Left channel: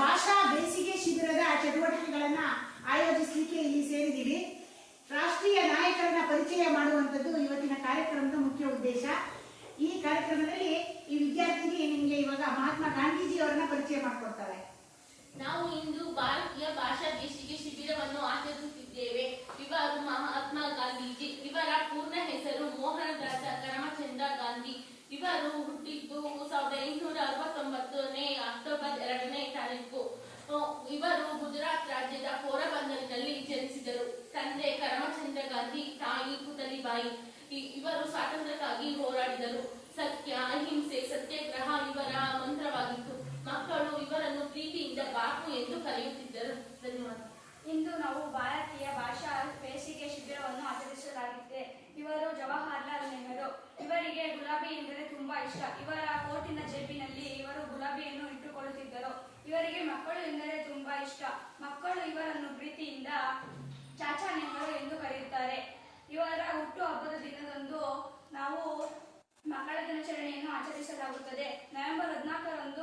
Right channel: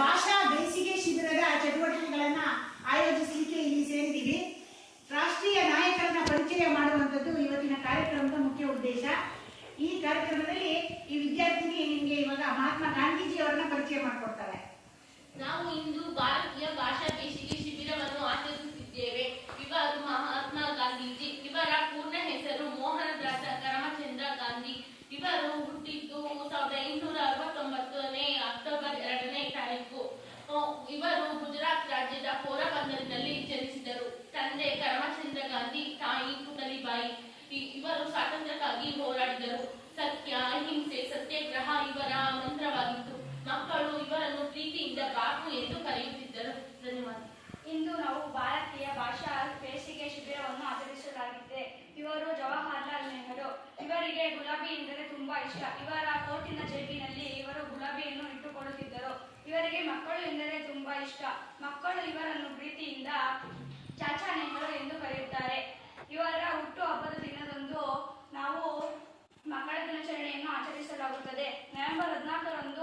ಭಾಷಾ ಬೇಸಿಗೆ ಶಿಬಿರದ ಚಟುವಟಿಕೆಗಳನ್ನ ಆಯೋಜಿಸಲಿಕ್ಕೆ ಇಲ್ಲಿ ಸೇರಿದ್ದೀವಿ. ರಾಷ್ಟ್ರೀಯ ನಾಯಕರನ್ನ ಪರಿಚಯ ಮಾಡುವಂಥದ್ದು ಇವತ್ತಿನ ಕಾರ್ಯಕ್ರಮದ ಮುಖ್ಯ ಉದ್ದೇಶ. ಈ ಕಾರ್ಯಕ್ರಮದಲ್ಲಿ ಈ ವಿದ್ಯಾರ್ಥಿಗೆ ನಿಮಗೆ ಇವಾಗ ಮಹಾತ್ಮ ಗಾಂಧೀಜಿ ಅವರನ್ನ ಪರಿಚಯ ಮಾಡಿಕೊಡ್ತಾರೆ. ನಾವು ಇಂದು ಭಾರತೀಯ ಭಾಷಾ ಬೇಸಿಗೆ ಶಿಬಿರವನ್ನು ಆಚರಿಸುತ್ತಿದ್ದೇವೆ. ಇವರು ಮಹಾತ್ಮ ಗಾಂಧೀಜಿ. ಇವರ ಪೂರ್ಣ ಹೆಸರು ಮೋಹನದಾಸ ಕರಮಚಂದ್ರ ಗಾಂಧಿ. ಇವರು ಹುಟ್ಟಿದ್ದು 1869 ಅಕ್ಟೋಬರ್ 2ನೇ ತಾರೀಕು. ಇವರು ಗುಜರಾತ್ ರಾಜ್ಯದ ಪೋರಬಂದರ್ನಲ್ಲಿ ಜನಿಸಿದರು. ತಂದೆ ಕರಮಚಂದ್ರ ಗಾಂಧಿ, ತಾಯಿ ಪುತಲಿಬಾಯಿ. ಇವರು ಸ್ವಾತಂತ್ರ್ಯಕ್ಕಾಗಿ ಹೋರಾಡಿದರು. ಸತ್ಯ, ಅಹಿಂಸೆ, ಸತ್ಯಾಗ್ರಹ ಇವರ ಮಂತ್ರವಾಗಿತ್ತು. ಮಕ್ಕಳು ಇವರನ್ನು ಪ್ರೀತಿಯಿಂದ ಬಾಪು ಎಂದು ಕರೆಯುತ್ತಿದ್ದರು. ಧನ್ಯವಾದ. ಇಂದು ನಾವು ಭಾರತೀಯ ಭಾಷಾ ಬೇಸಿಗೆ ಶಿಬಿರವನ್ನು ಆಚರಿಸಲಾಗಿದೆ. ಇವರು ಜವಾಹರ್ಲಾಲ್ ನೆಹರು. ಇವರಿಗೆ ಗುಲಾಬಿ ಎಂದರೆ ತುಂಬಾ ಇಷ್ಟ. ಇವರ ಕೋಟಿನ ಜೇಬಿನಲ್ಲಿ ಇವರು ಗುಲಾಬಿಯನ್ನು ಇಟ್ಟುಕೊಳ್ಳುತ್ತಿದ್ದರು. ಇವರಿಗೆ ಮಕ್ಕಳು ಎಂದರೆ ತುಂಬಾ ಇಷ್ಟ. ಮಕ್ಕಳು ಇವರನ್ನು ಪ್ರೀತಿಯಿಂದ ಚಾಚಾ ನೆಹರು ಎಂದು ಕರೆಯುತ್ತಾರೆ. ಇವರ ಹುಟ್ಟು ಹಬ್ಬದ ದಿನದಂದು ನಾವು ಮಕ್ಕಳ ದಿನಾಚರಣೆಯನ್ನು ಆಚರಿಸಲಾಗುತ್ತದೆ. ನವೆಂಬರ್ 14ರಂದು